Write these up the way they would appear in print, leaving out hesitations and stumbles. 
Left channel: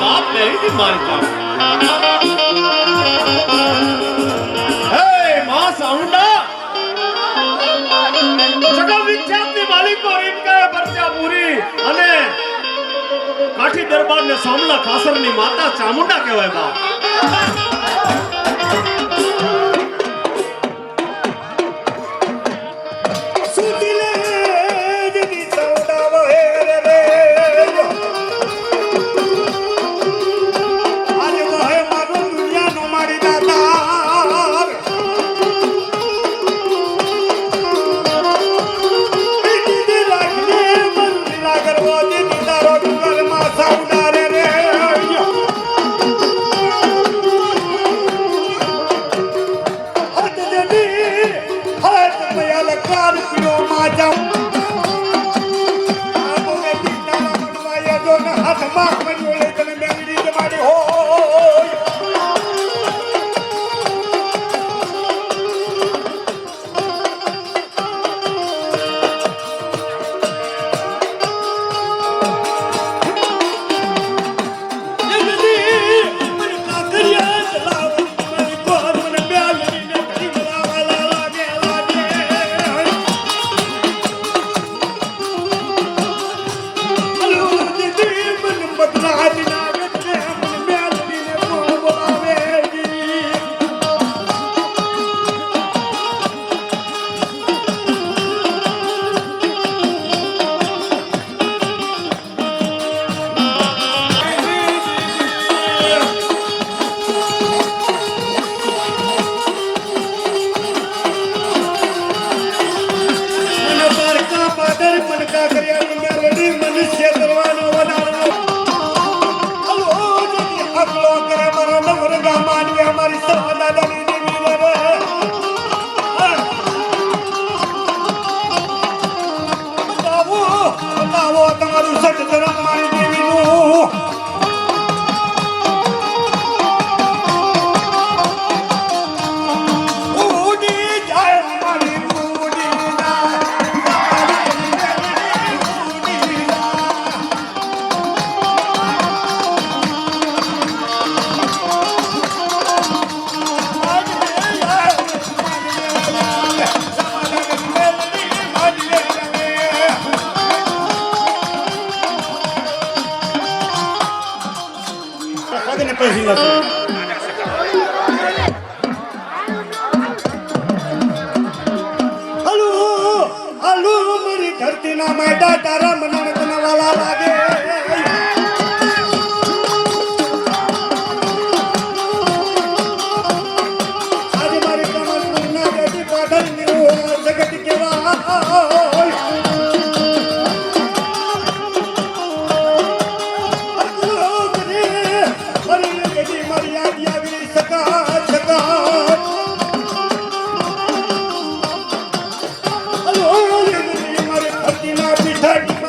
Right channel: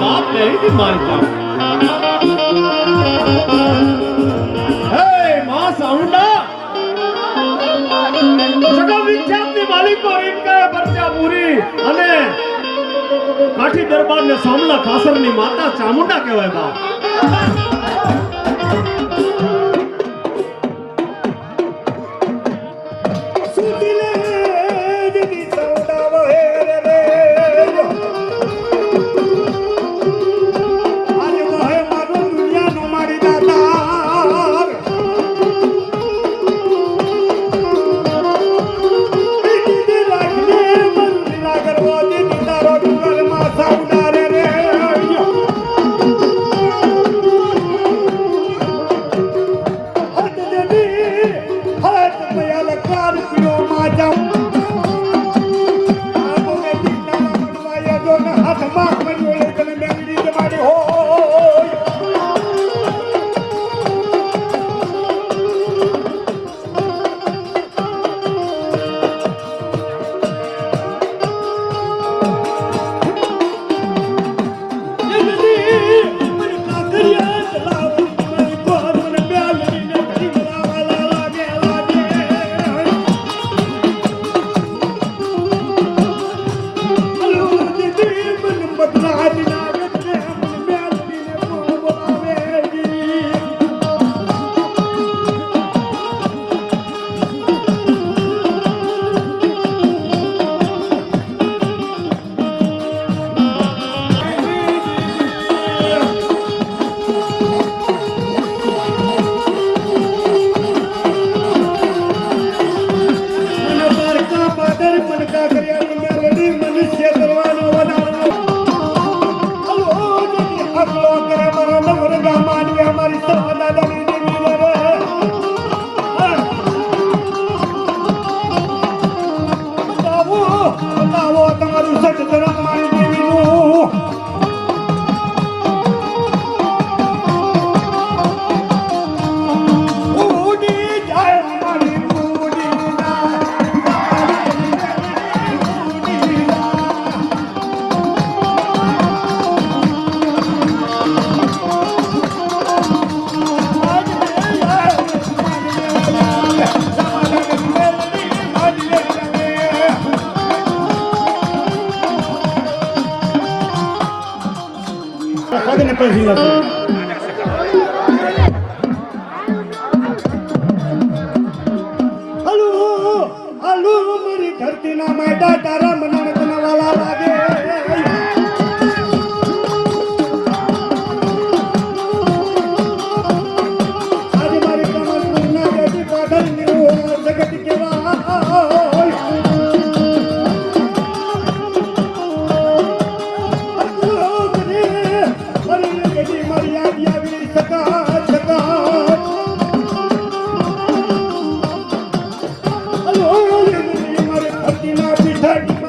બાપ નહીં મારતા. હે માં સાઉન્ડા સકલ વિખ્યાતની માલિકો રીમકાએ પરચા પૂરી અને કાઠી દરબારને સામલા ખાસરની માતા ચામુંડા કહેવાય બાપ. Hey!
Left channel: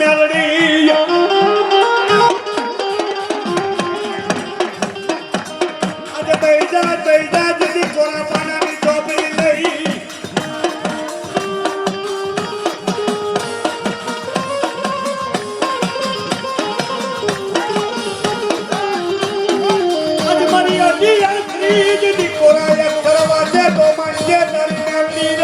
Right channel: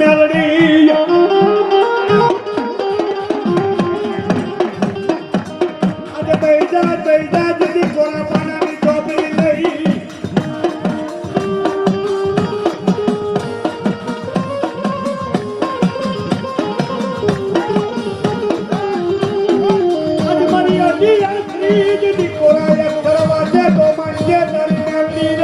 મેલડી આજે તૈજા દીદી કોરા પાનાની ચોપડી લઈ આજે મારી અડી આખરી દીદી કોરા એક કરવા દે તો માંગે તારી મેલડી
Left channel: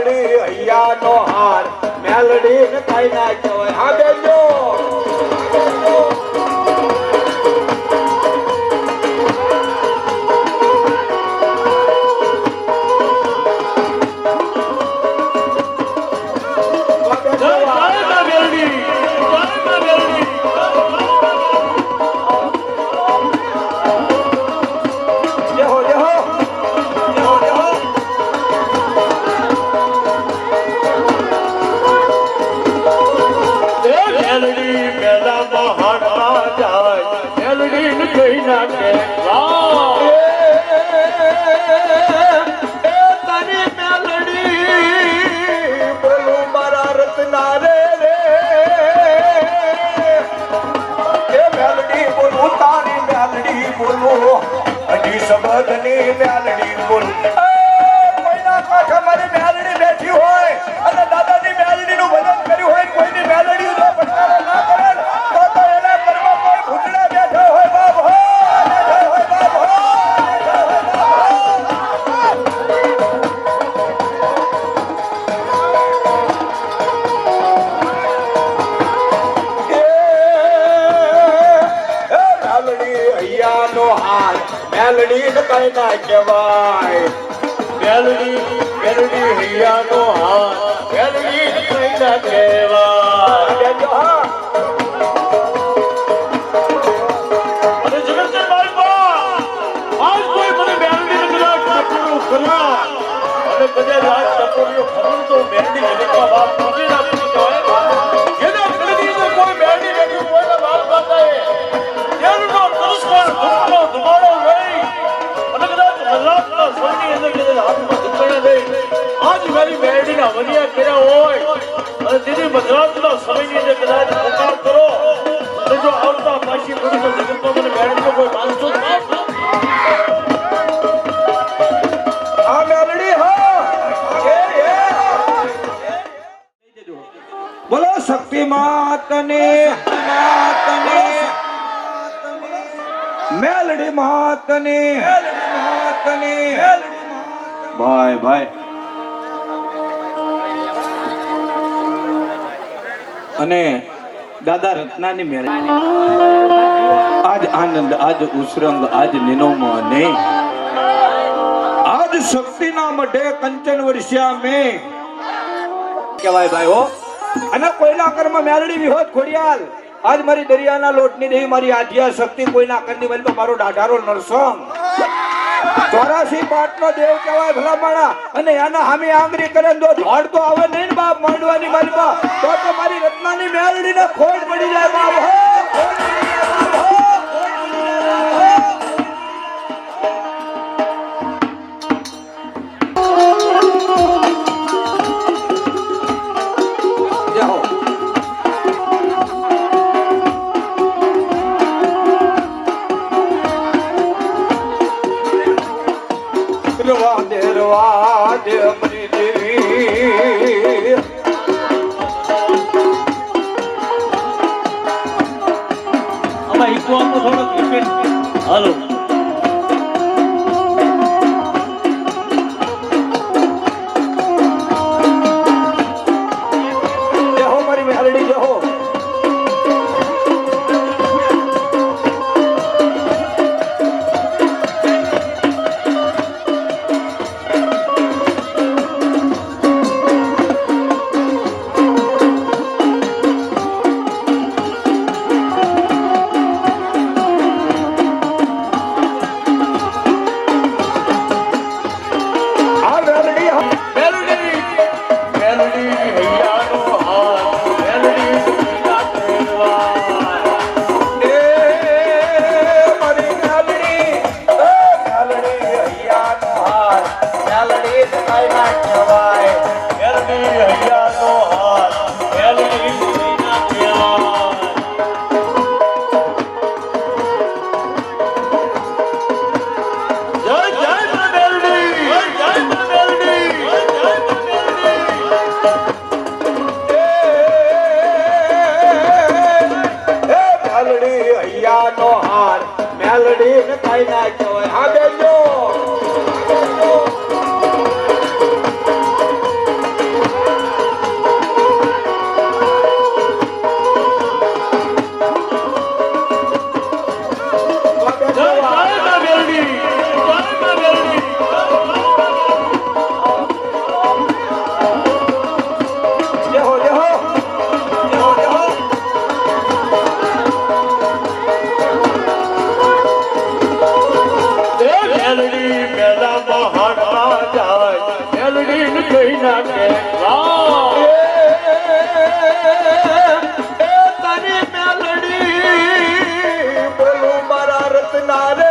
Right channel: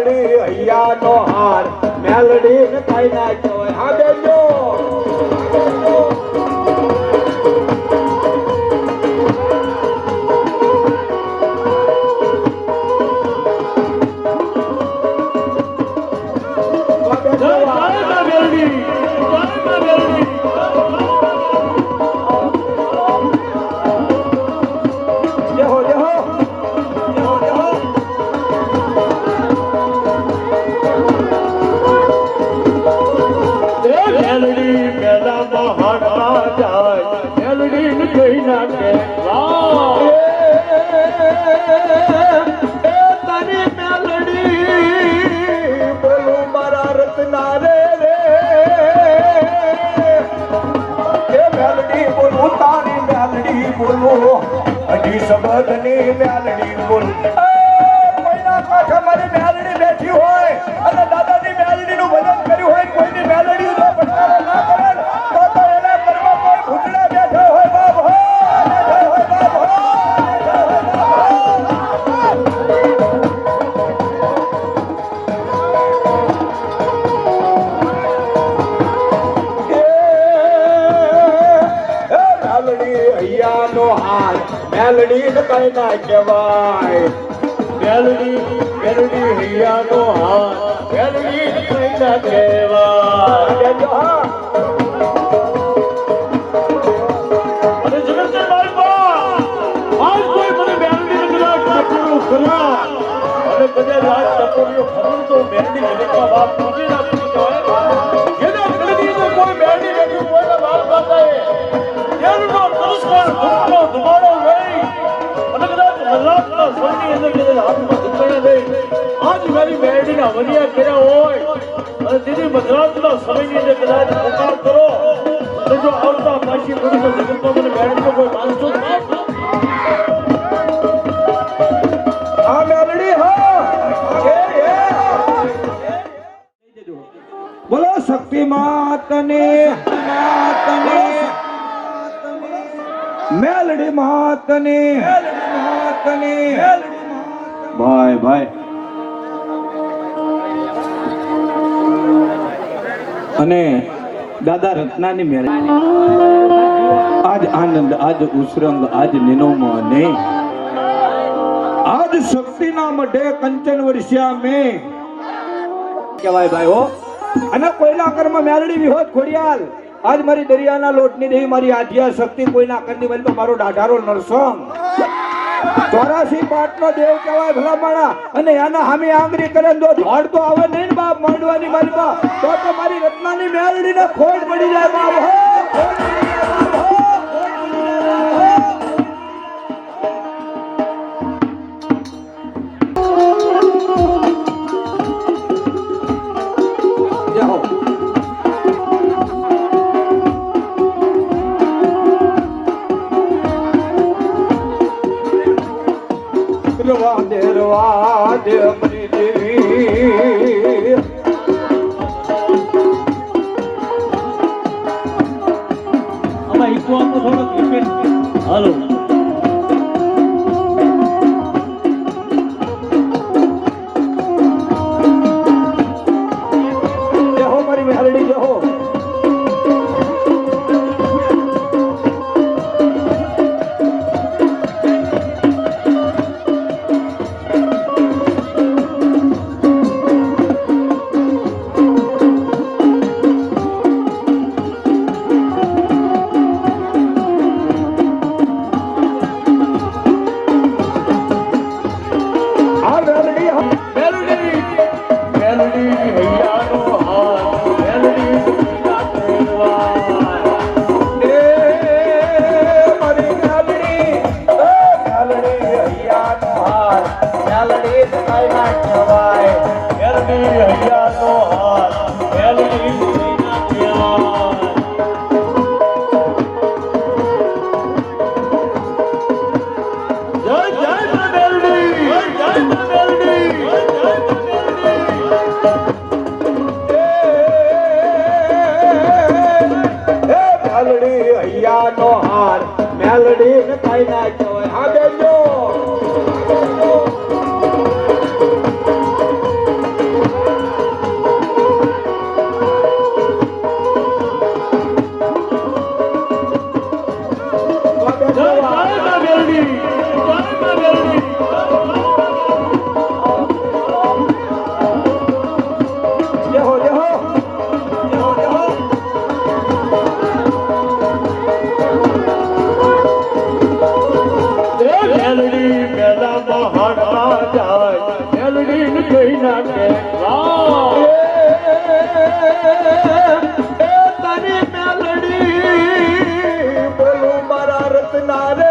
રે હૈયાનો હાર મેલડી ને કઈ ના કહેવાય. હા બેજો જય માં મેલડી, જય માં મેલડી. જેહો જેહો જેહો જેહો એ મેલડી મેલામાં હાડવા જાય, મેલડીને કઈ ના કહેવાય. તારી મેલડી બોલું મારા રત્ના રે રે એ મેલડી બોલું તારી મેલડી બોલું હજી શબ્દની મેલડી બોલું કોઈના કાંઠે મારી મેલડી બેઠી હોય અને દાદાની મેલડીનું ભજન કર્યું હોય, કોઈની મેલડી જો પટારો ના કરે તો એના ઘરમાં કોઈ ભૂતડા બેઠો હોય બાપ હો, બેઠો હોય બાપ હો, બેઠો હોય બાપ હો. મેલડી હૈયાનો હાર મેલડી ને કઈ ના કહેવાય. મેલડી મેલડી હૈયાનો હાથ, મેલડી ને કઈ ના કહેવાય. બેજો હા અને જગતના બાળકો, આજ કોઈ મને મેલડીને કદાચ ટપોર્યો ખરા, અને કદાચ આજ ટપોર્યો ખરો તો મેલડી જગતમાં બાપ નથી રાખતી કહેવાય. જેના મેલડીને કોઈ મેલડી નથી કોઈના બાપ બાપાએ તેલનો તરસ્પર ધૂપનો ધુમાડો લઈ અને કદાચ મલ્લાદના સ્વરની અંદર કદાચ હાથમાં ધૂપણા લઈ આજ મારી મેલડીના વરિયા કર્યા હોય અને તેથી મધરાતના સમયની અંદર કદાચ પુકાર કરો અને જો આવતા પાછી બોલી તો જગતમાં મને મેલડીનો કોઈ માનસો જ નહીં. આ મેલડી હા બોલો શક્તિ માતને મેલડી માતને ભાઈ ભાઈ અને દાદા રત્નાની મેલડી આજ આનંદ આજ ઉસરંગ આજ નિનોમો ને આજ શક્તિના મઢે કંચન વર્ષ્યા મેં કહેવાય ભાઈ હો. અને કોઈના કર્મ મેલડી વિહોત ખોડિયાલ આજ મારી દરિયાના લોટની દેવી મારી આધ્યા શક્તિ કોઈના કંદી બની મારો દાઢારો નરસંગ 84 પાટનો દેવ કહેવાય ભલા માણા. અને એના સામે આંગળી કરે તો ધોડ તો આવે નહીં ને બાપ માંડવાની મારી બા તો મારી રત્નાની મેલડીને ખોટ પડી જાય બાપ હો, ખોટ પડી જાય બાપ હો, ખોટ પડી જાય બાપ હો. જય હો. રવાદે મારી દેવી આમાં ઈકો આપો થોડોક રિપીટ. હાલો જય હો મારી મેલડી જય હો. મેલડી ને કઈ ના કહેવાય. હા બેજો કોઈના કહેવા તારી મેલડી બોલું મારા રત્ના રે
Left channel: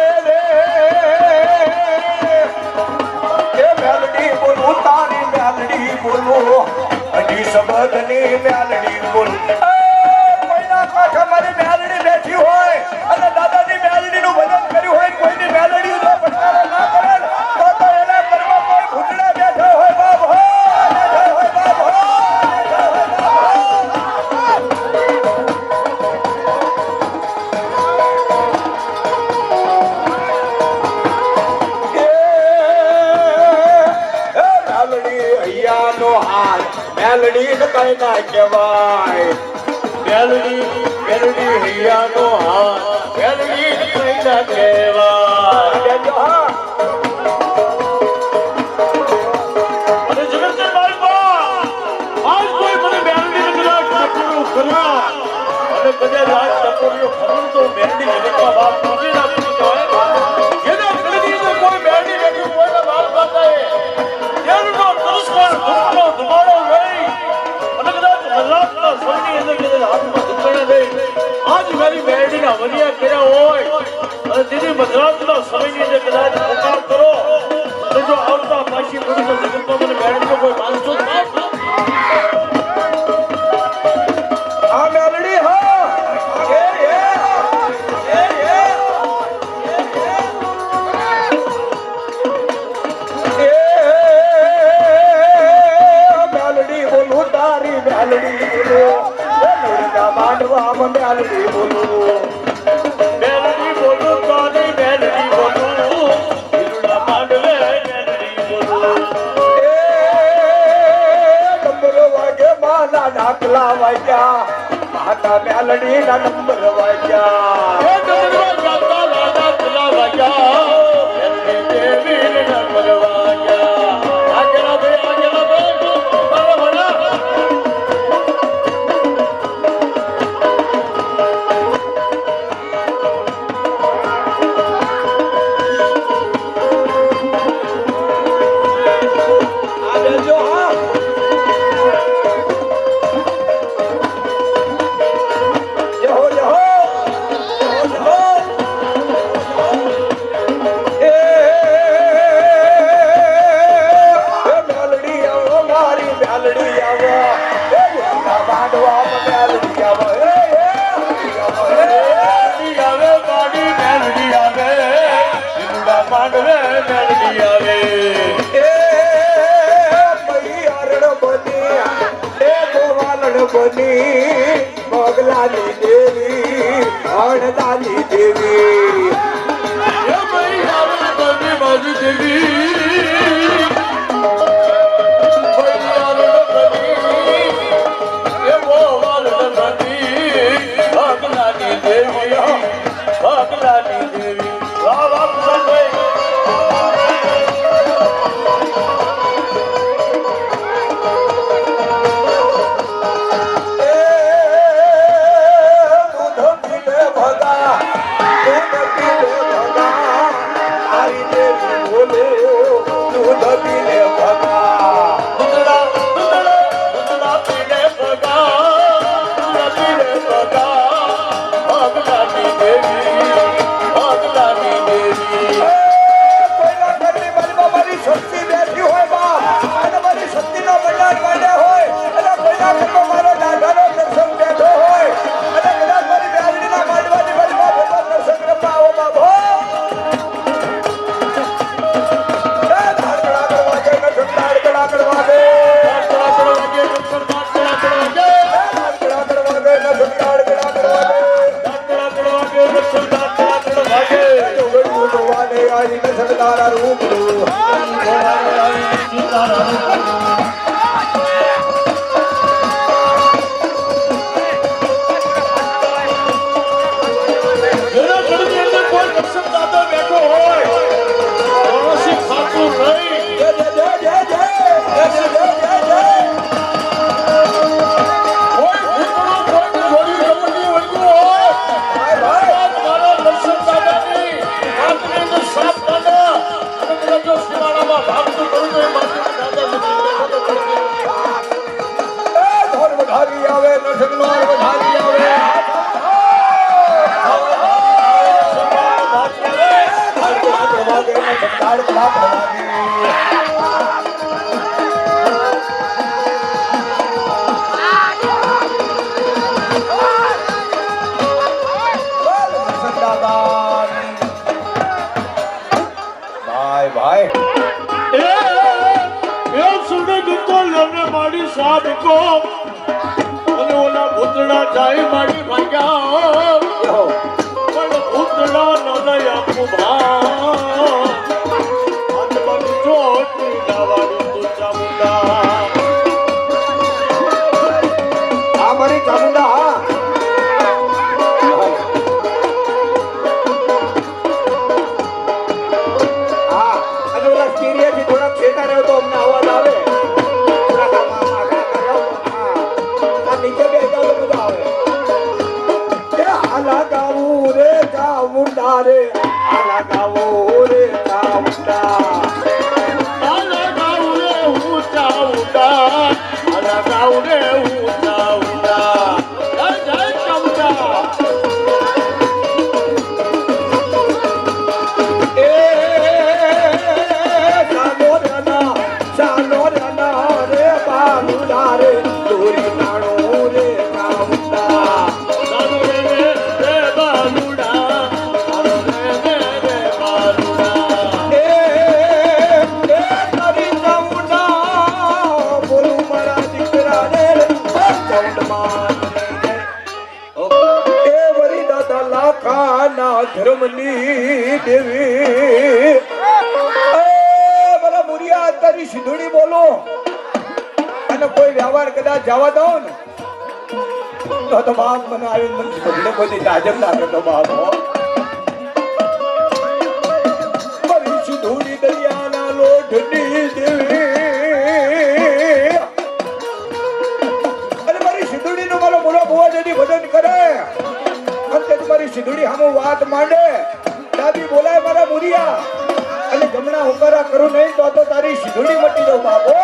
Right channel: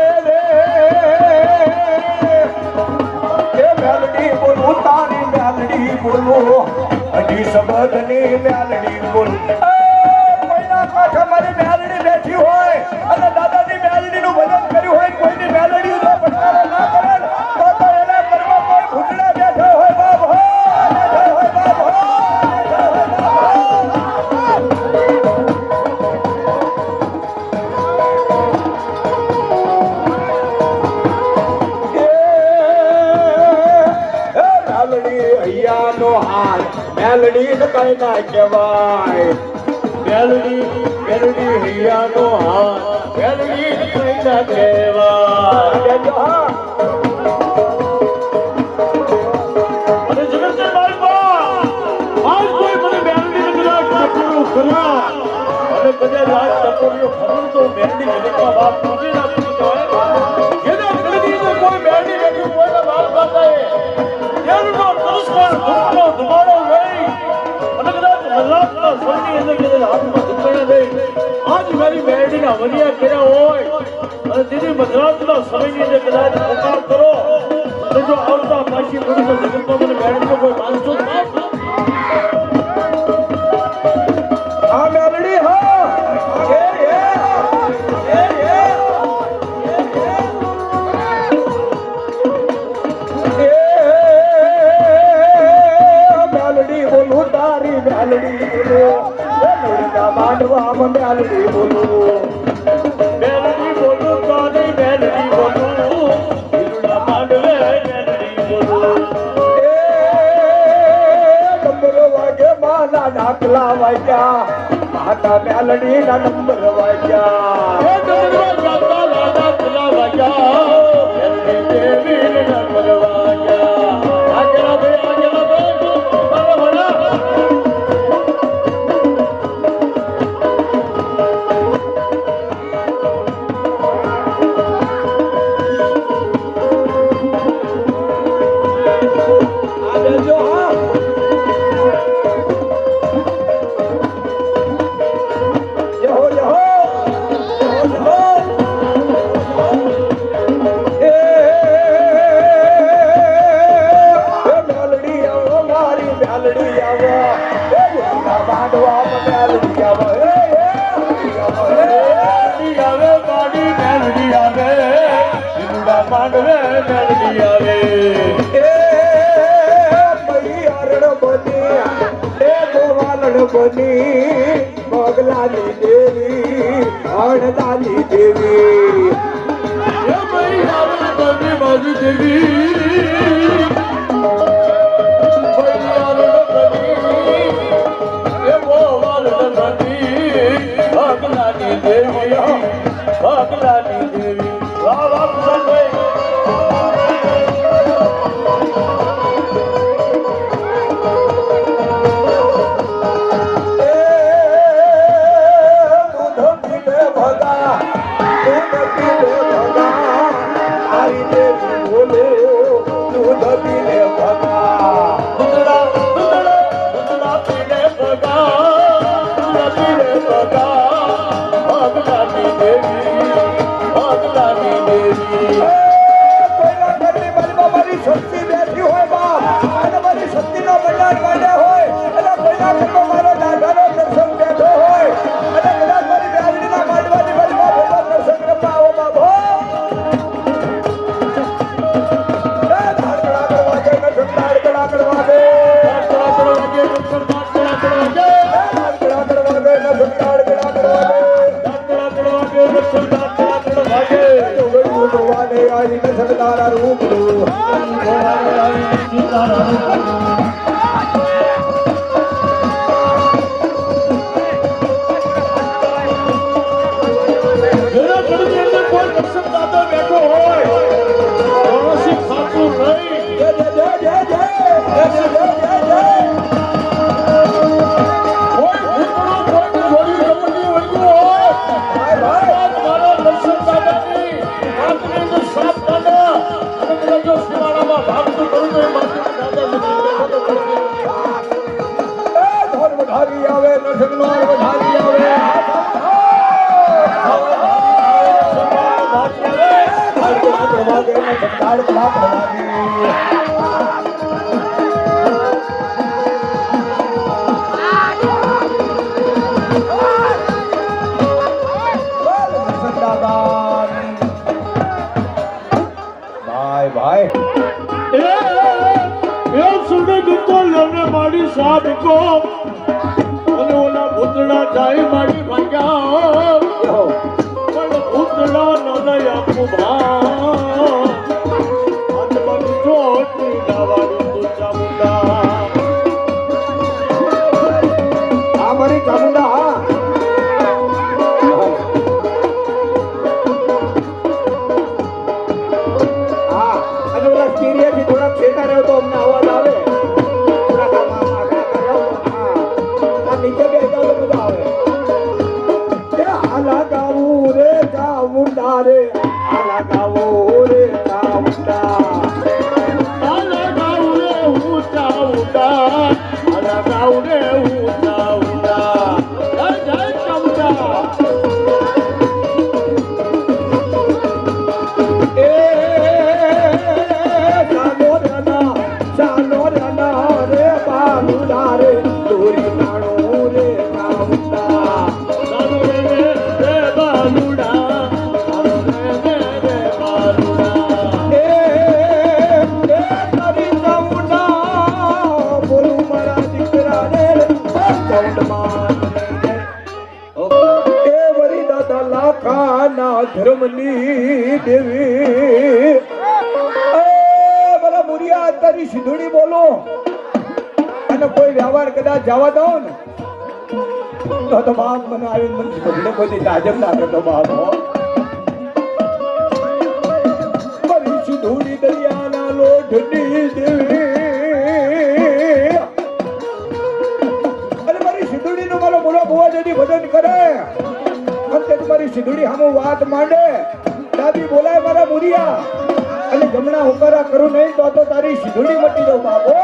એ મેલડી બોલું તારી મેલડી બોલું હજી શબ્દની મેલડી બોલું કોઈના કાંઠે મારી મેલડી બેઠી હોય અને દાદાની મેલડીનું ભજન કર્યું હોય કોઈની મેલડી જો પટકારો ના કરે તો એના ઘરમાં કોઈ ભૂતડા બેઠો હોય બાપ હો બેઠો હોય બાપ હો મેલડી કઈ ના કહેવાય મેલડી હૈયાનો હાથ મેલડી કોઈના કહેવા અને જગતના બાળપા આજ કોઈ મને મેલડી કદાચ ટપોર્યો ખરા અને કદાચ આજ ટપોર્યો ખરું તો મેલડી જગતના બાપ પૂરી નાખી કહેવાય જેના કદી તો કોઈ મેલડી બેઠી કોઈના બાપ બાપાએ તેનો તરસ્કાર ધૂપનો ધુમાડો લઈ અને કદાચ મજાકના સૌની અંદર કદાચ હાથમાં ધૂપણે લઈ આજ મારી મેલડીના વરિયા કર્યા હોય અને તેની મજરાતના સમયની અંદર કદાચ પુકાર કરો અને જો આવતા પાછી પડું તો જગતમાં મને મેલડીનો કોઈ માનસો જ ના આ મેલડી હા મેલડી બોલું તારી મેલડી બોલું માંડવા મેલડી બોલું મેલડી બોલું તારી મેલડી બોલું હિરુડા માંડવે મેલડી બોલું નંબર વાગે માના ડાકલા વાગ્યા માતા મેલડી ના નંબર વાગ્યા એ ડમરવા ગાતા રાજા પેલા વાગ્યા મેલડી દેવી ના પરવાગ્યા આગલા બે બરાબર માંડવે મેલડી આવે મોગલાની દેવી અણદાની દેવી એ મરી આવે બની બાજુ દેવી મરી આવે બની એ બોવાલ બની ભગલાની દેવી ભગલાની દેવી વાહ વાહ ભાઈ બોલે વધારી આવે નસકનો વધારી આવે ભાઈ ભાઈ એ સુને ગીતો લને મારી સાબ કો અને ઓલા ભૂતડા જાય મારી ભાગ્યા પણ ભૂતડા ન દયા કુભા અને બાકી ચોટી લાવાડી તું ચામુંડા આ મારી ચામુંડા થોડા છેટા રહ્યો તો અમને અવાજ આવે નીચે બે જાવ તો મજા આવે આલા ગાવું રે ચામુંડા રે આલા ગાવું રે ચામુંડા આલા ગાઉ રે હું ચામુંડા આલા ગાઉ રે હું ચામુંડા જય જય ચામુંડા ધર્મની દેવી બોલો મુરિયા તારી સિંધુડી બોલો અને કોઈ વ્યવહાર કદાચ જવા દો ને તો બાપ મને આવી મને સિંધુડી કોઈ તાજબ ના કરતો બાપ મારી સિંધુડી દરિયાના લોઢની દેવી અને મારી સિંધુડીનો મારો મોરો બુવા જેની ભજન કરે મારી સિંધુડી હામો વાત માંડે દાદી બોલાય મારા મુરિયા અને જમણા હુકારા કરું નહીં તો તારી સિંધુડી મટી દઉં બાબો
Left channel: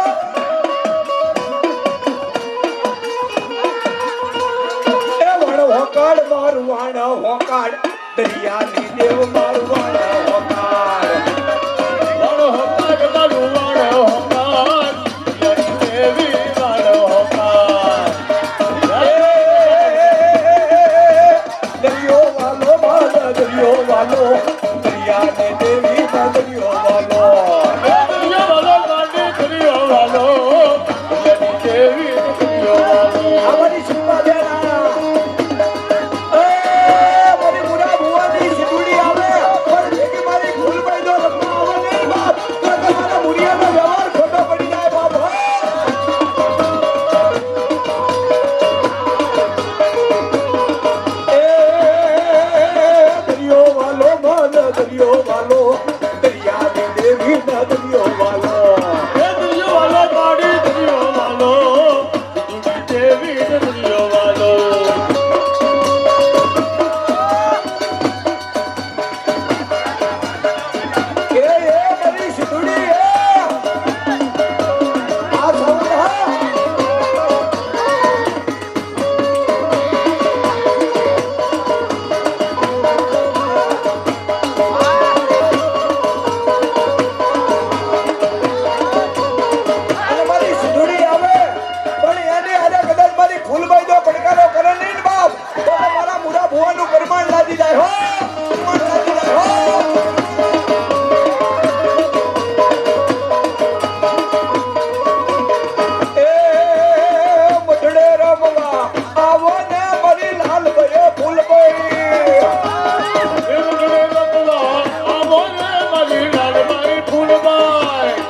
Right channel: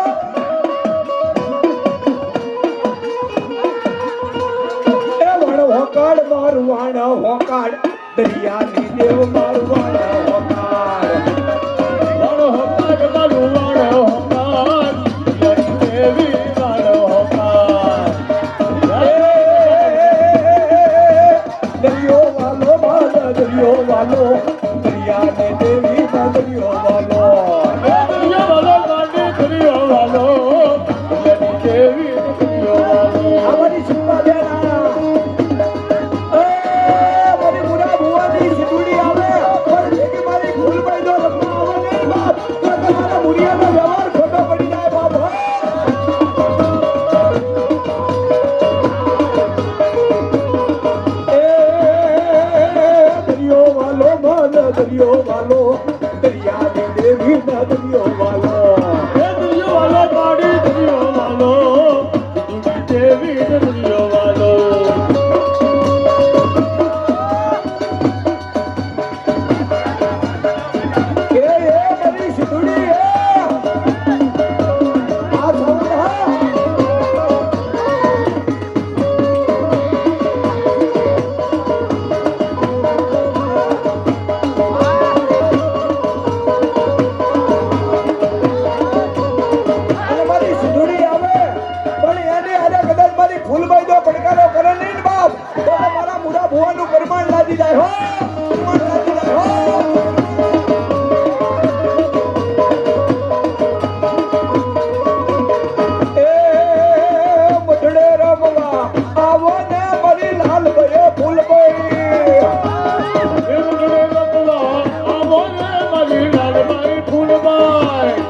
એ વણ હોકાડ મારું વાણ હોકાડ દરિયાની દેવ મારું વાણ હોકાડ વણ હોકાડ મારું વાણ હોકાડ દેવી વાણ હોકાડ દરિયો વાલો બાલા દરિયો વાલો દરિયાને દેવી ના દરિયો વાલો દરિયો વાલો ગાંડી દરિયો વાલો દેવી દરિયો વાલો અમારી સુપા દેના મારી મુરા ભુવાની સિંધુડી આવે પણ જેથી મારી ભૂલ પડી જો રખના આવે નહીં બાપ તો તમારા મુરિયાનો વ્યવહાર ખોટો પડી જાય બાપ દરિયો વાલો દરિયાની દેવી ના દરિયો વાલો દરિયો વાલો ગાડી દરિયો વાલો દેવી દરિયો વાલો એ મારી સિંધુડી આ સાઉન્ડ ભુવાનું પરમાણ લાદી જાય હો પરમાણ લાદી જાય હો એ મઢડે રમવા આવો ને મારી લાલ ભયો ફૂલ ભાઈ મઢડે રમવા આવો ને મારી લાલ ભાઈ ફૂલ ભાઈ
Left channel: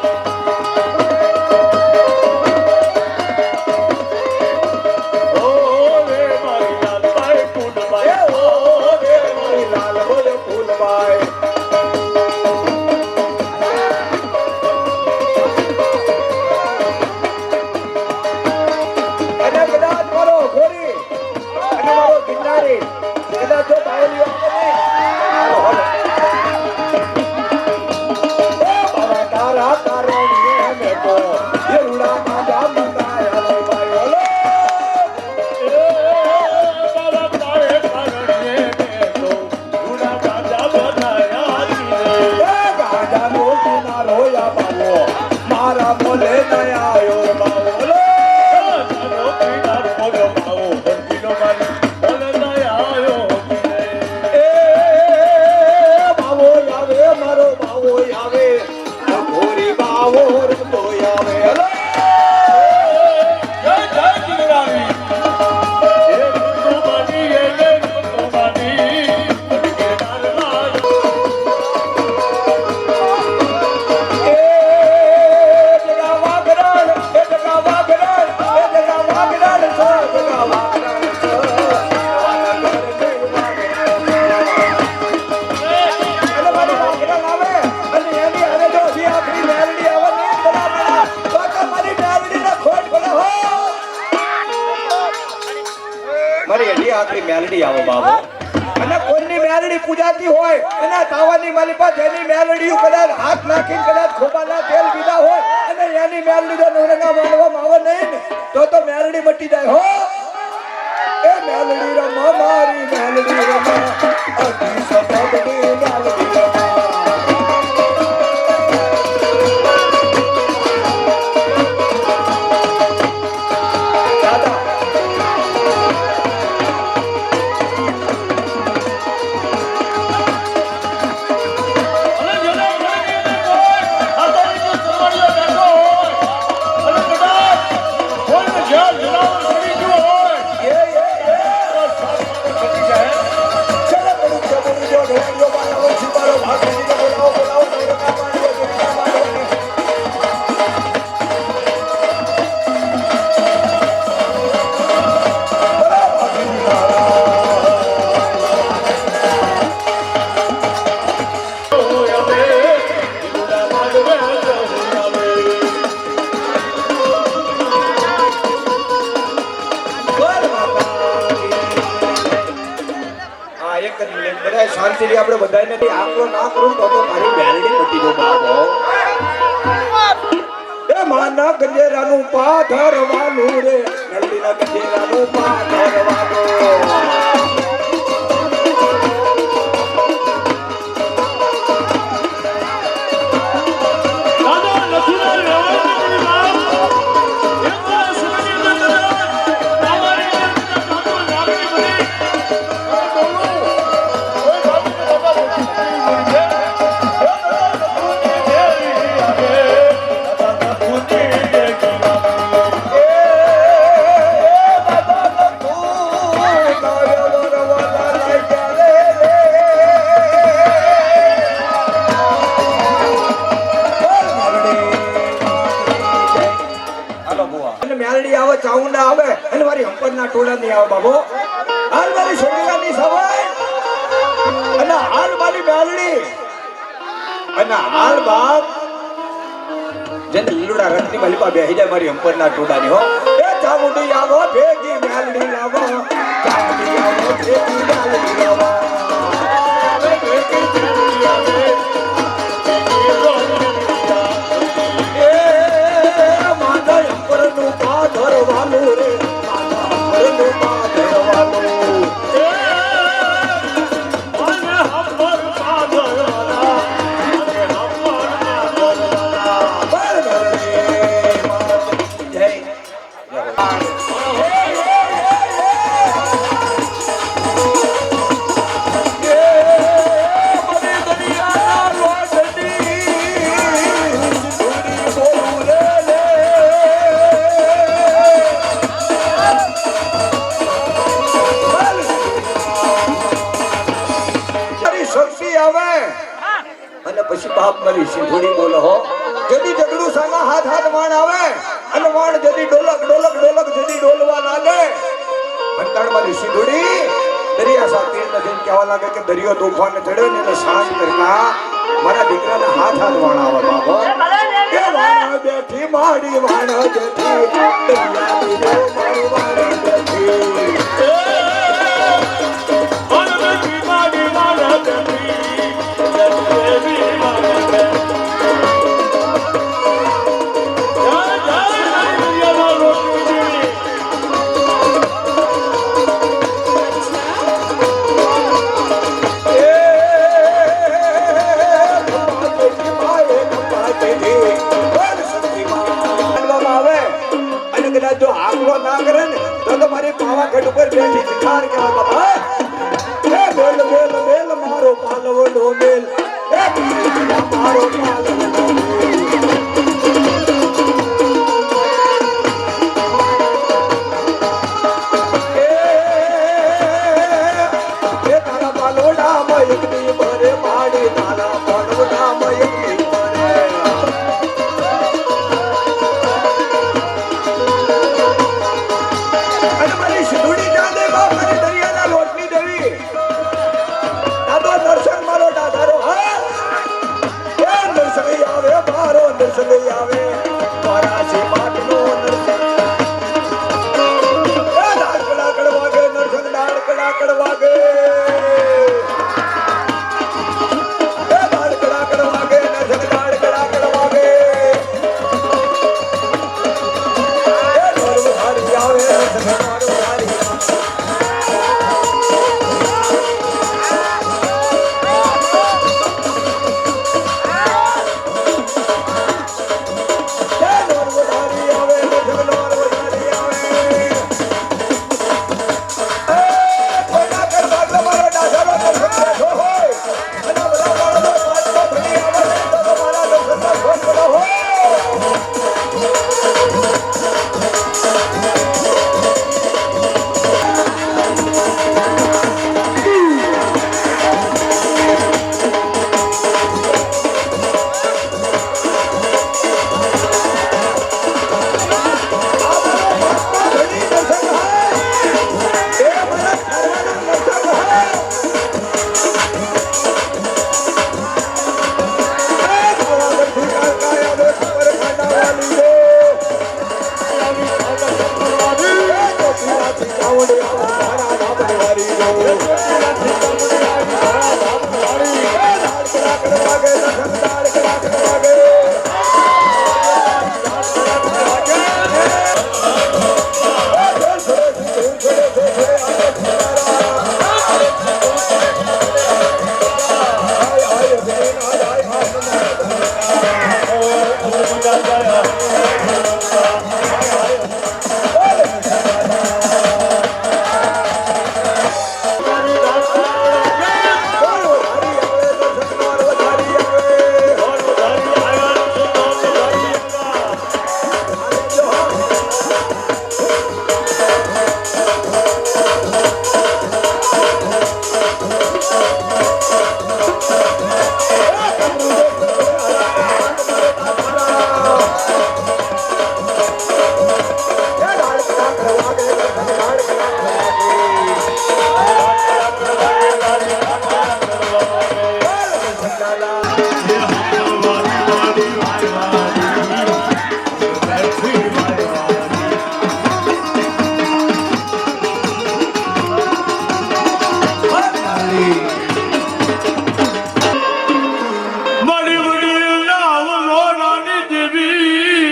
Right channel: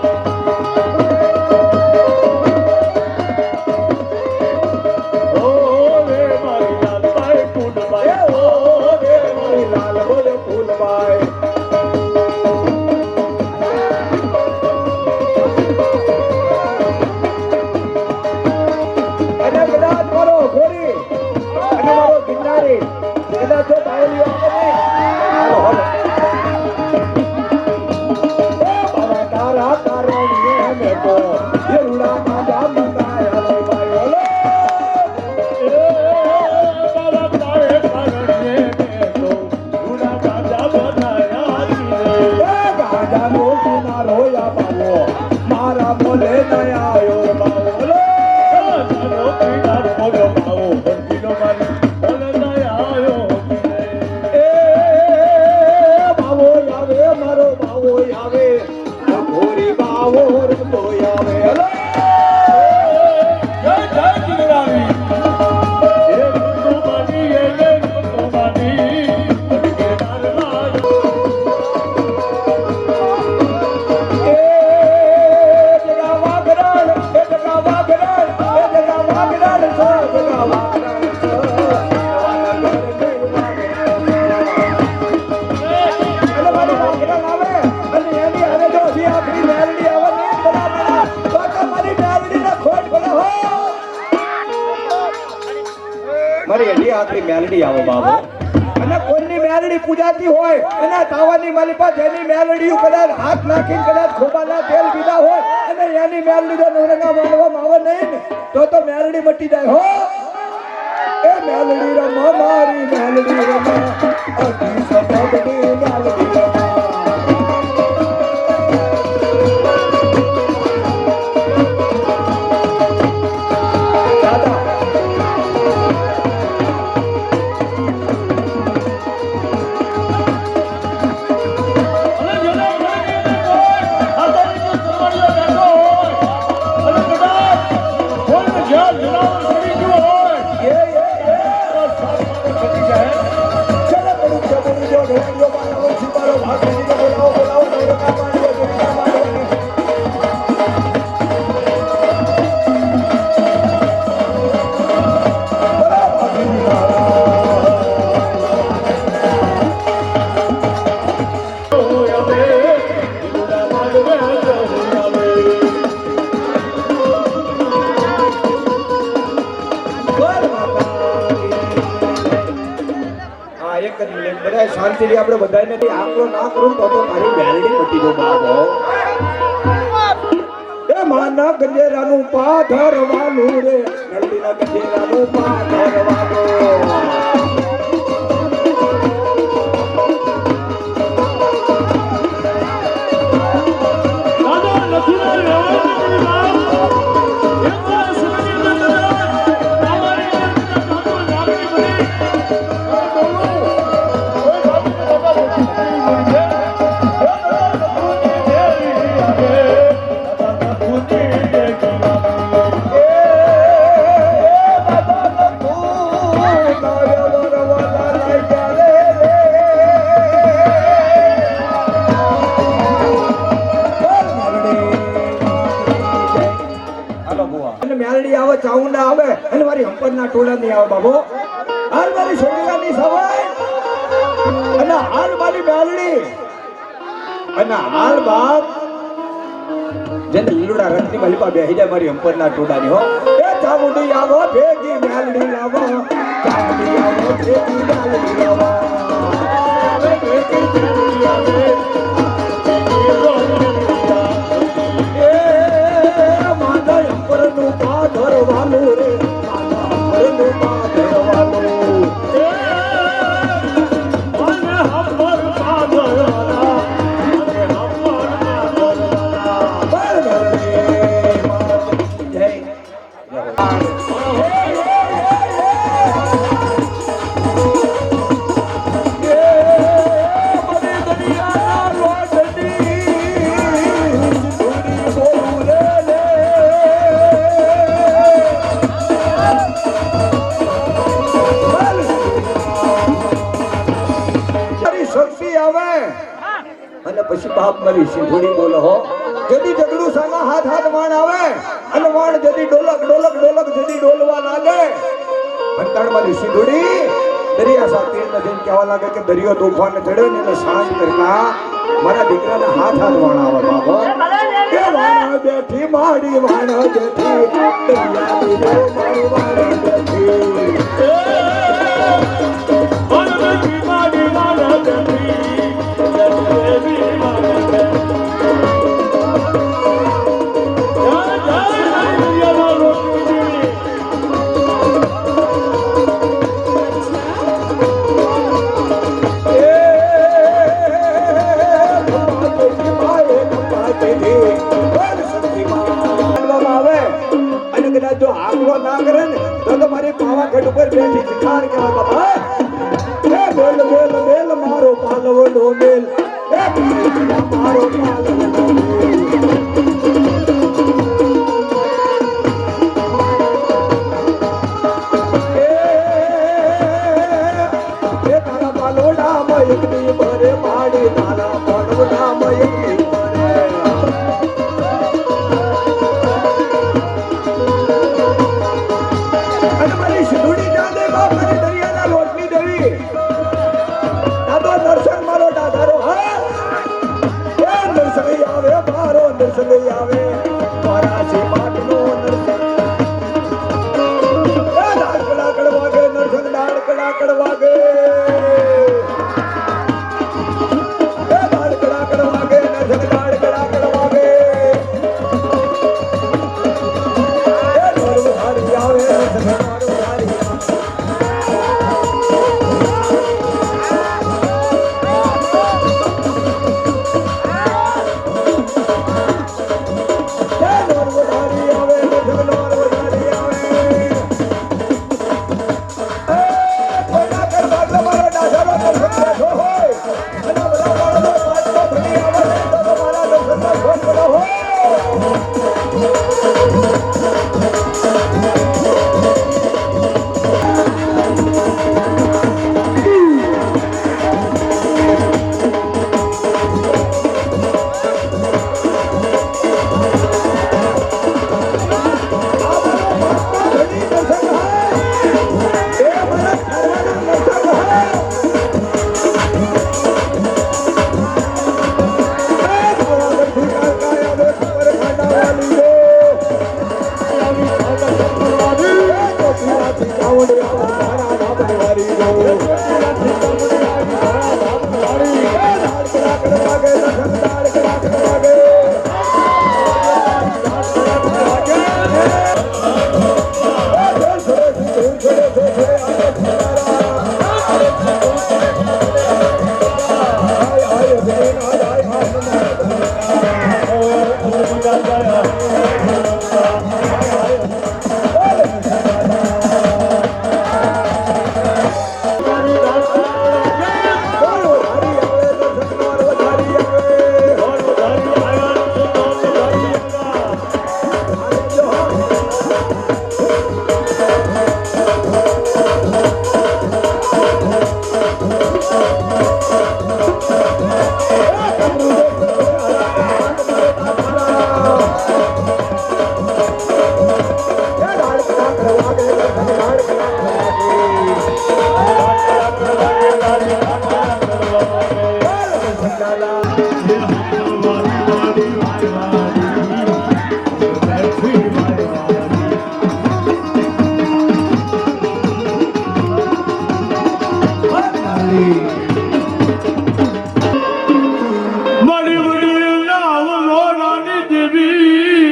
મારી હજી આખરી મેલડી આવો બાબો અને કોઈની મેલડી પૂજાતી હોય અને તાવાની મારી પાસે એની મેલડી કદાચ હાથ નાખીને કદાચ ખોબાના તેલ પીધા હોય અને એની મેલડી જો નવરંગા માનવામાં આવે નહીં ને તો મેલડી મટી જાય હો એ મેલડી રમા મારી મેલડી રમા અતિ સતતની મેલડી રમા અને જેને ઘરની અંદર કોઈ હાથાની જો સરવાળીઓ બેઠો હોય અને કદાચ કોઈને જ્યાં જનાવર પડી ગયું હોય તો સામે પડી જાય. ચલો પડું જો ઢોળિયો બાળો છીપારો ભાગીને બોલાવો નવરંગા માંડવો દુનિયા માંડવાની બધા શાંતિથી આપણે બધાને આકલો ના કરું તો મારી મેલડી મટી જો બાબો એ માના ગંજેરાનું પાથરવાનું રે મેલડીના ગંજેરાનું પાથરવાનું દાદા નથી ના રહેવાય નથી બાપ. એક વાર સમયની અંદર તમારી અંદર કાકો નાગરી બની. અને બોલું, કોઈ ભાવીને બાબા મોટી થઈ ગઈ છે. હે દાદા નથુની દેવી આવે, દાદા નથુની દેવી આવે. મેલડી આવે ચાઉંડા આવે અને મારી હંપરના ટોળા નહીં આવે બાબો હાલ મારી છોકરાની સવાય અને હાલ મારી મેલડી અને હાલ બાપ જેને લીલુડા રંગની મલિપા બેહી જાય મારી હંપરના ટોળાની હો એ ચામુંડી આવો ભેગી મેલડી લાવો ચામુંડી આવો ભેગી મેલડી લાવો અને પછી બાપ મારી સિંધુડી બોલો હો જદી જગડું સાના હાથ હાથ વાણ આવે અને વાણ જદી ડોલક ડોલક ડોલક જદી ડોલવા લાગે અંતર મારી સિંધુડી દરિયા સાથે નદીને કહેવા લાગે કે દરિયો તોફાન ચડ્યો ને એટલે શાંત કરતા મારા દીકરાને હાથ હાથ વાણ આવે બાબા એ વાણ બેઠી માડી વાણ બેઠી દરિયા મારી વાણ બેઠી જો આકલો ના કરે ને તો મારી પાવાગઢ ઉપર બેઠી ભિખાર કહેવાય બાબા એ બેલ બેલ બેલ મારો પાલવડો બેલ એ મારો પાલવડો બેલ એ તારા પાલોડા માં એક દી ભરે પાડી તારા પાલોડા માં એક દી દર્શન મારો દાદારો હા દર્શન આવે ચામુંડી મારા બાપની વારી જો મારી વડીલ નામ લોરાની દેવી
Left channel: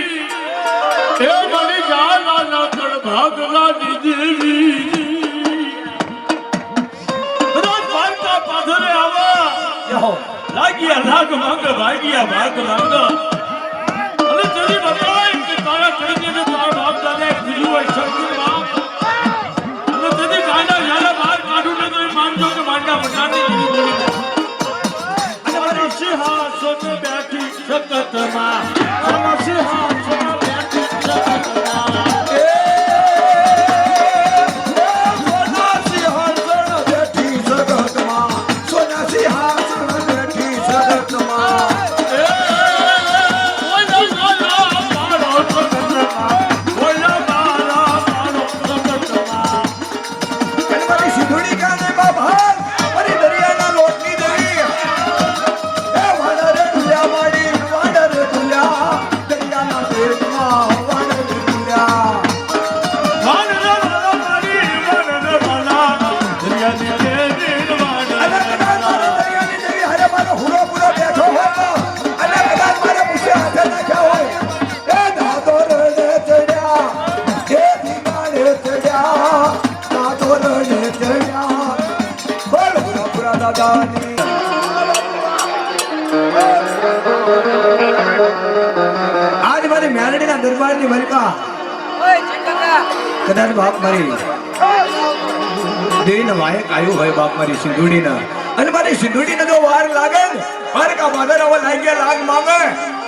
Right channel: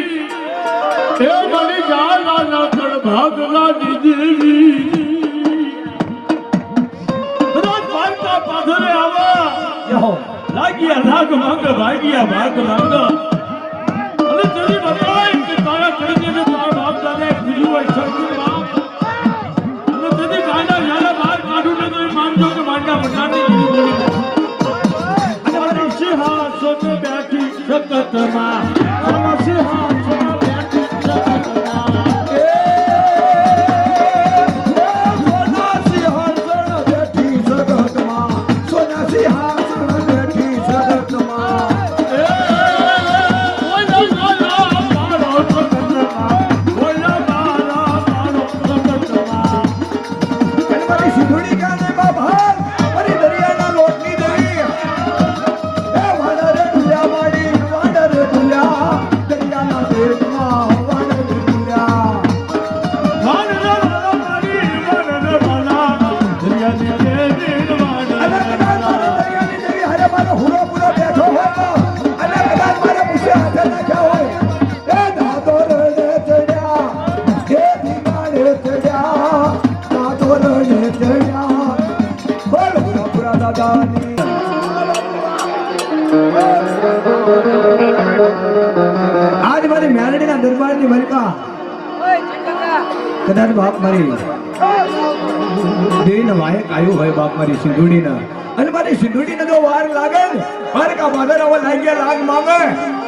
હે મારી જાના તળ ભાગલાની દેવી રોજ વાર્તા પાધરે આવા લાગ્યા લાગ માંગ ભાગ્યા ભાગ માંગ અને તેરી બતાય કે તારા ચડીને તારા બાપ દાદા દીધું હોય શક્તિ બાપ અને તેની ગાંડા યારા બહાર કાઢું ને તો એ માનજો કે માંડા મટાની દીધી બોલી સિંહાસન બેઠી જગતમાં સોના સિંહાસન બેઠી જગતમાં સોના સિંહાસન બેઠી જગતમાં સોના સિંહાસન બેઠી જગતમાં સિંધુડી ગાને બાબા મારી દરિયાના લોટની દેવી આજ મારી મેલડીના દરબારની મલકા કદાચ બાપ મારી દેવીના વાયક આવ્યું હોય બાપ મારી સિંધુડીના અને મારી સિંધુડીને જો વાર લાગે ને દ્વારકા બાદર હવે લાગ્યા લાગ માંગે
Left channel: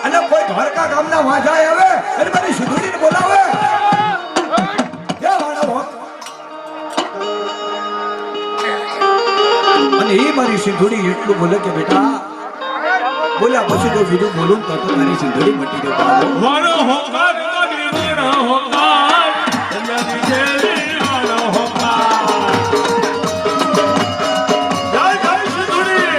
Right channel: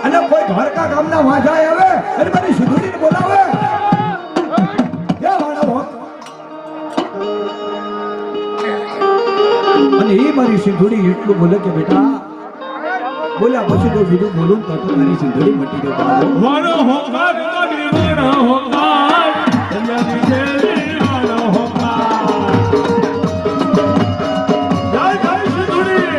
અને કોઈ દ્વારકા ગામના વાંઝાય આવે અને મારી સિંધુડીને બોલાવે અને એ મારી સિંધુડી એટલું બોલે કે બેટા બોલ્યા પછી જો બીજું બોલું તો તારી સિંધુડી મટી દો બાબો વાળો હોંકાર મારી મેરા હોંકાર દરિયાની દેવી વાળો હોંકાર જય જય સિંધુડી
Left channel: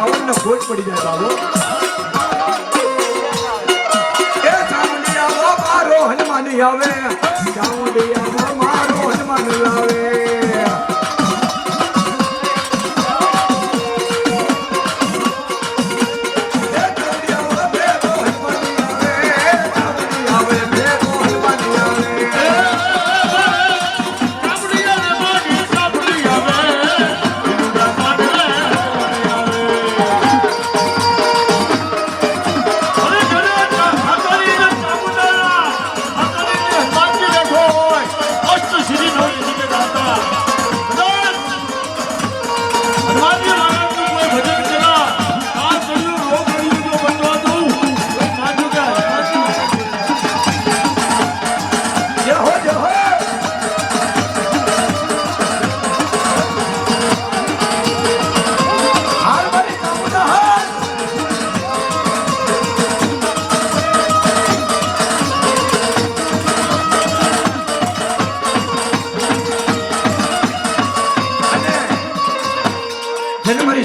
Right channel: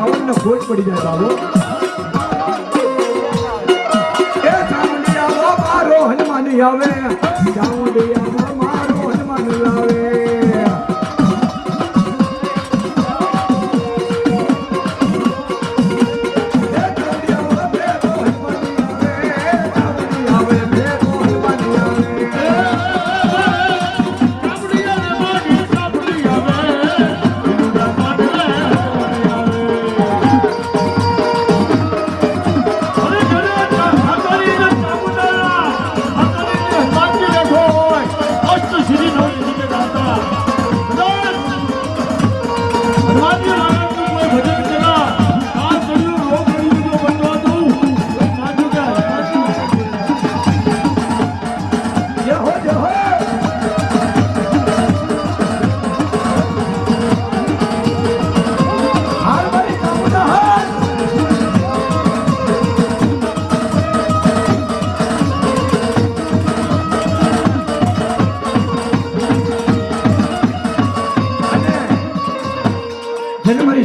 સાવન ને ખોટ પડી જાય બાબો એ ચામુંડિયા મારો હનુમાન આવે ચામુંડિયા મારો હનુમાન આવે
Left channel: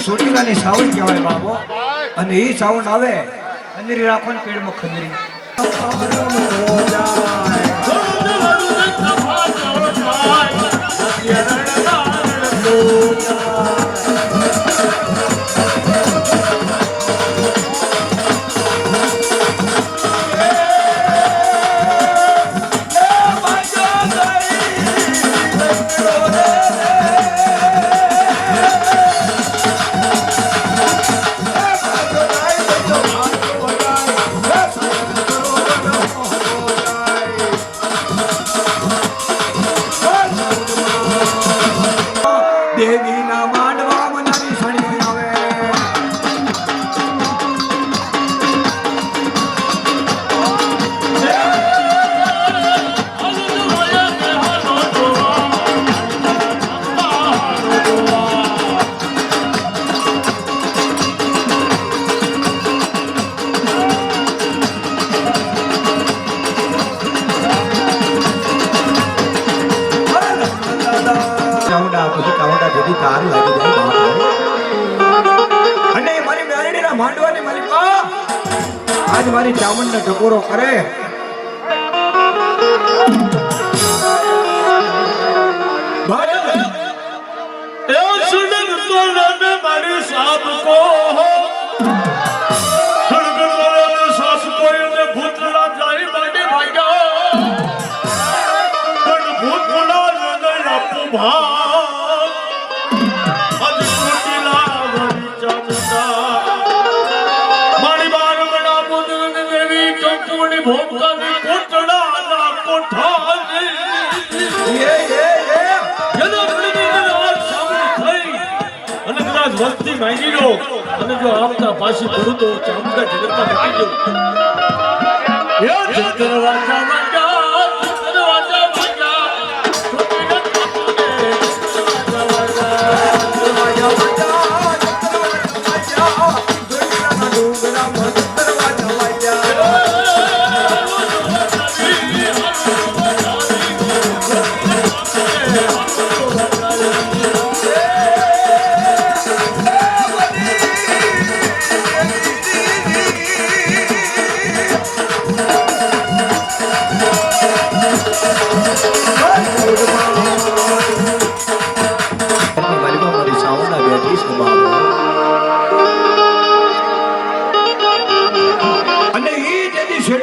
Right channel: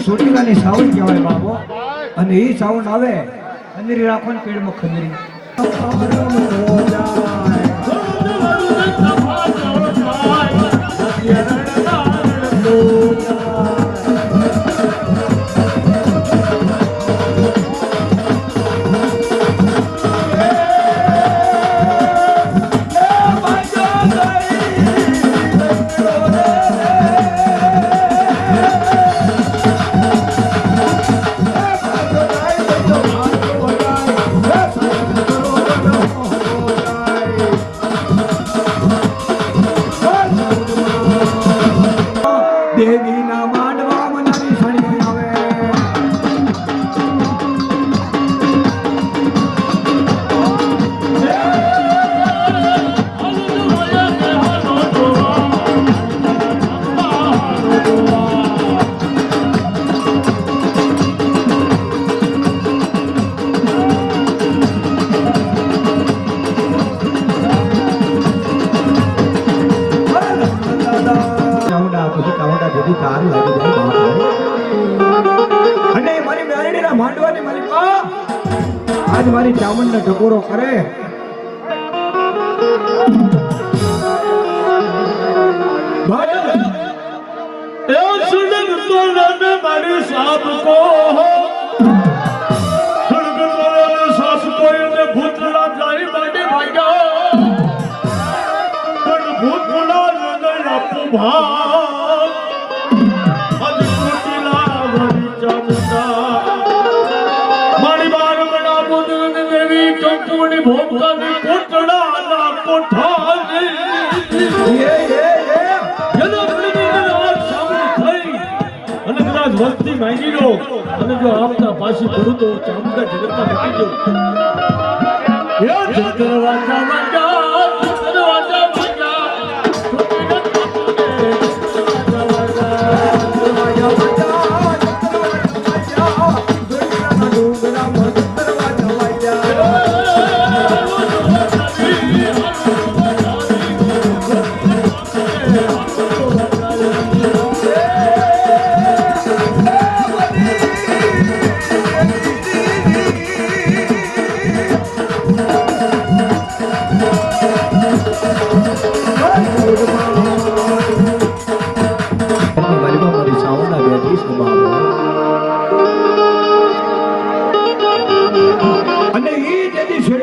સોટીલાની સાવન કહેવાય બાબો અને એ સાવન આવે ખંજરી રાખો ને પેડમાં ખંજરી દેવીના માંડવા મનાની સણી આવે અને મારી મેરડીના માંડવાની માલિકા આજ મારી ચામુંડને ટકોરો કરે મારી સાપ કો સાસ કોઈ ભૂતલા જાય માટે ભાગ્યા પણ ભૂતલા આપું ભા ભોગની કોટડાના કોઠાની અને કદાચ વસ્તી માંગી લો અને જો આપતા પાછી પૂરું તો ચામુંડા જગતમાં મૂકી દો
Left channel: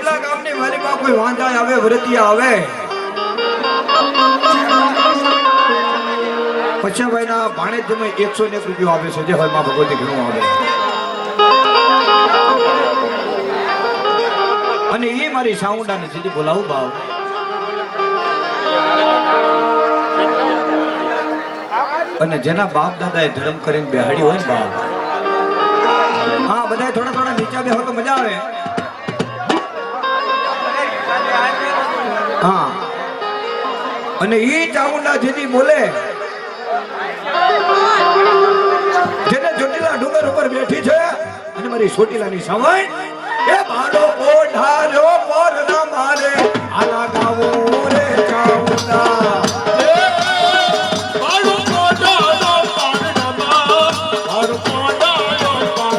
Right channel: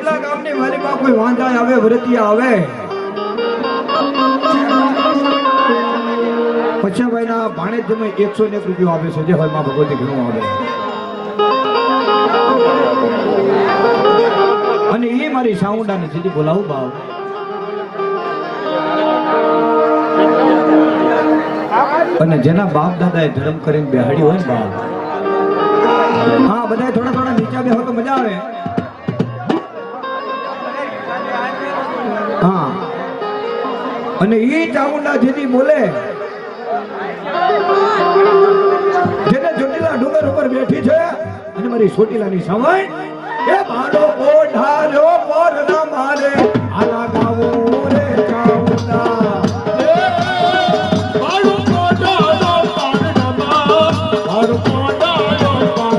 રાજા કોઈ વાંધા આવે વરતિયા આવે પછી ભાઈના ભાણેજ તમે 101 રૂપિયા આપે છે જે હોય માં ભગવતી ઘણું આવે અને એ મારી સાઉન્ડાને સીધી બોલાવું ભાવ અને જેના બાપ દાદાએ ધર્મ કરીને બેહાડી હોય ને બાપ હા બધા થોડા થોડા નીચા બેહો તો મજા આવે હા અને ઈ ચામુંડા જેથી બોલે જેને ચોટીલા ડુંગર ઉપર બેઠી છે અને મારી ચોટીલાની સમય એ ભાડો કોઢાર્યો પર ના મારે આના ગાવો રે ચામુંડા ભાડો કોઢાર્યો પર ના મારે ભાડો કોઢાર્યો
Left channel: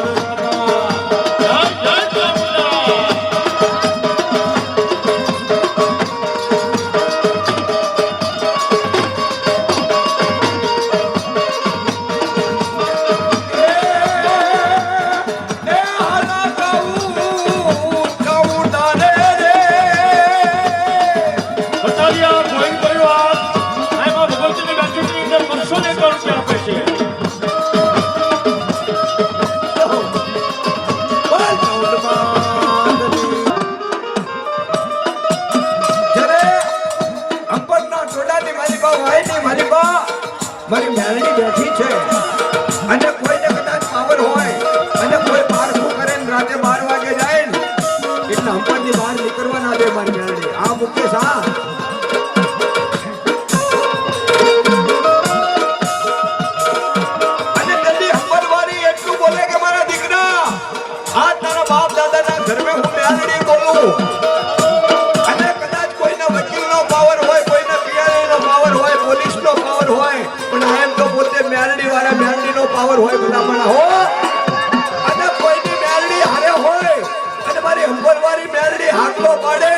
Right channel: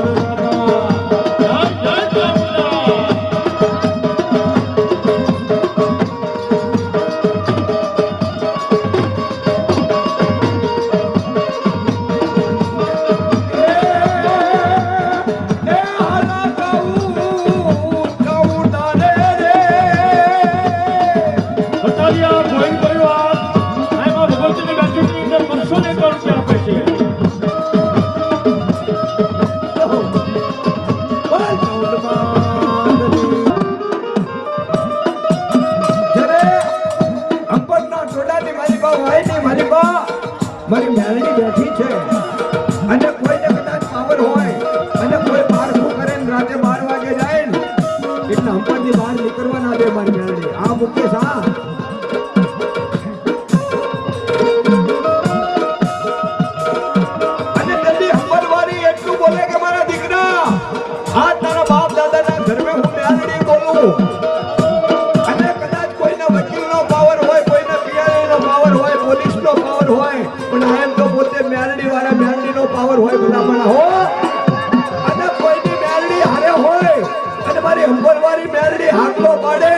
મારી બા મારી મેલડી બેઠી છે અને કોઈને કદાચ પાવર હોય અને કોઈ બહાર શું કરે ને રાતે 12 વાગે જાય ને એટલે હંપણની બહાર નીકળવા ના દે મારી મેલડી આ મુકેશ આ અને તેની હંપણવાળી એટલું બોલે કે મારા દીકરા આ તારા બાપ દાદાના ધર્મે હું મેલડી બોલું અને કદાચ કોઈના વકીલનો પાવર હોય કોઈના પીઆઈનો પાવર હોય પોલીસનો પાવર હોય પણ એમ તો પોતે મેલડી વાળા મેલડીનો પાવર હોય ભલામણા હો અને કોઈની મેલડી હારે હોય અને મારી હંપરવાળી મેલડી હાકલો પાડે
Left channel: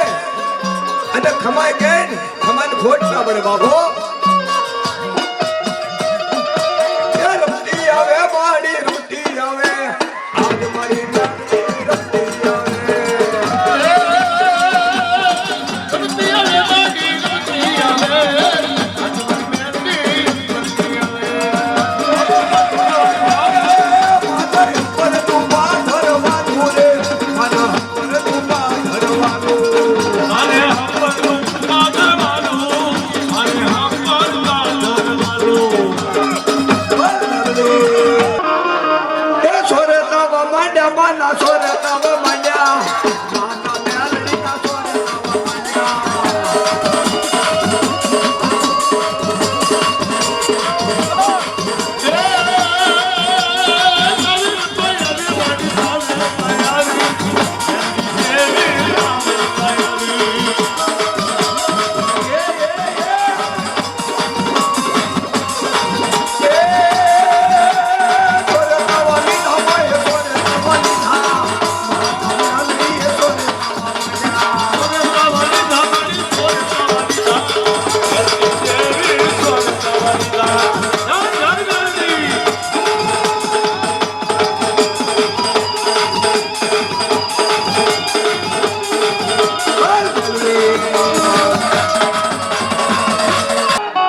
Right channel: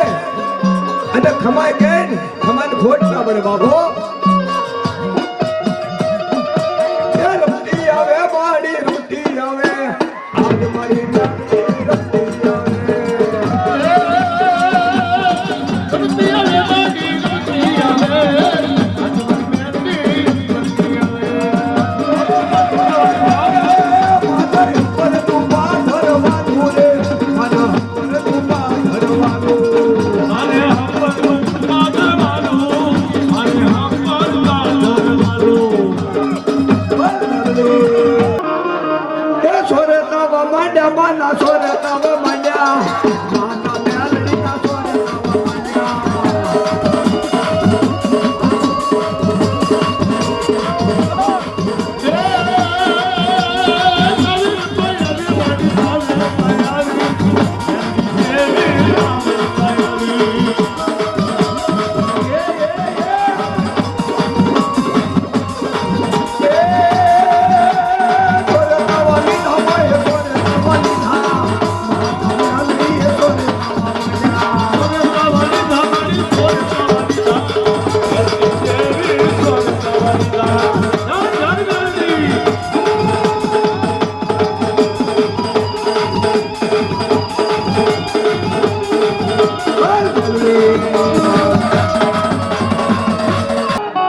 અને ખમાય કે ખમાને ખોટ ના પડે બાબો એ રમતી આવે મારી રમતી આવે આજ મારી મેલડી રમતી આવે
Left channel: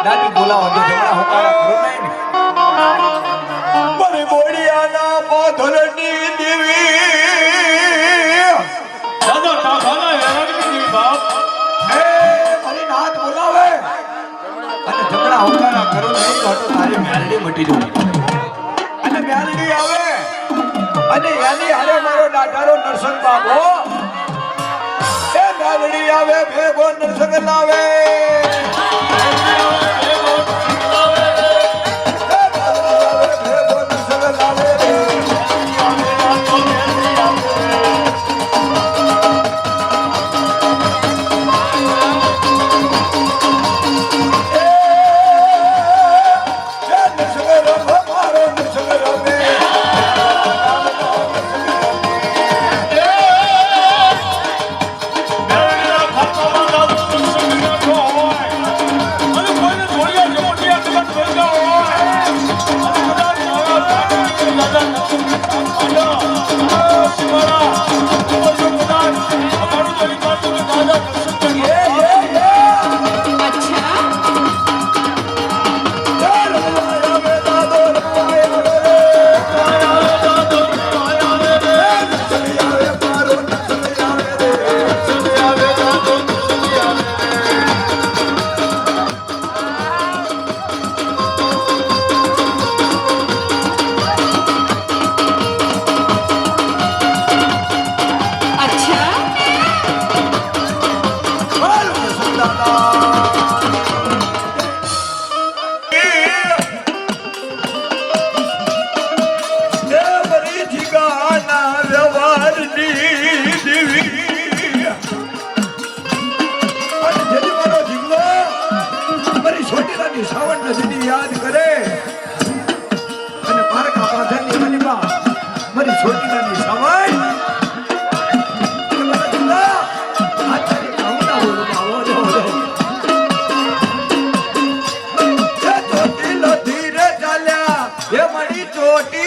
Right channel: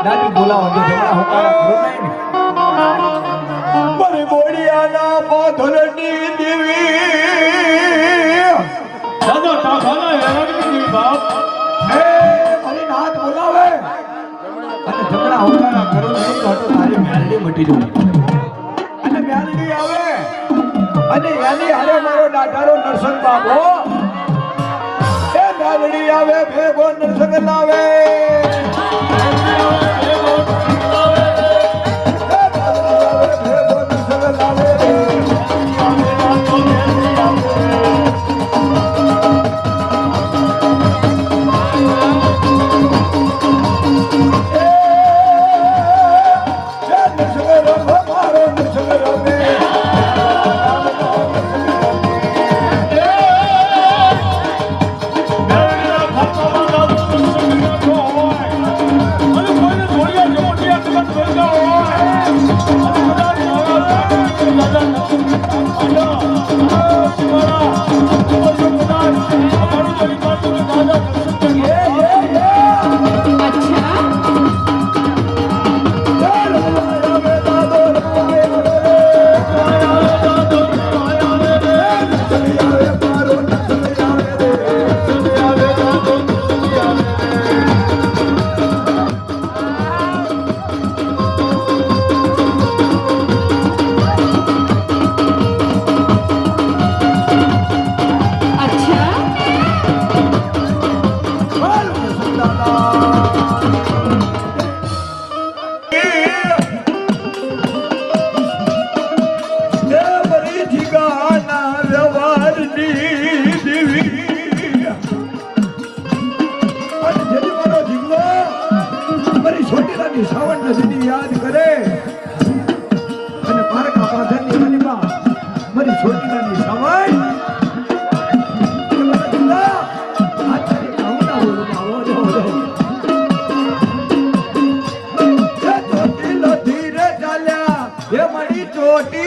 દાદી બોલાવો તો જમણા હોકારા કરો નહીં ને મારી બોડિયાના પાથરની દેવી દાદા ટાફાના હેરાનગીની બાપ હે મારી નાથ બોલાવે અને જમણા હોકારા કરો નહીં તો તારી મેલડી મટી જશે અને મેલડી આવે અને એની હારે મારો દાદારો નરસંગ બાબો એ મેલડી આવે ભેગો નરસંગ લાવે યાદ કરે અને પારકા પાથરની મનીમાં મારી છોટીલાની સવાય ધીરે ચાલ્યા એ મારી ચોટી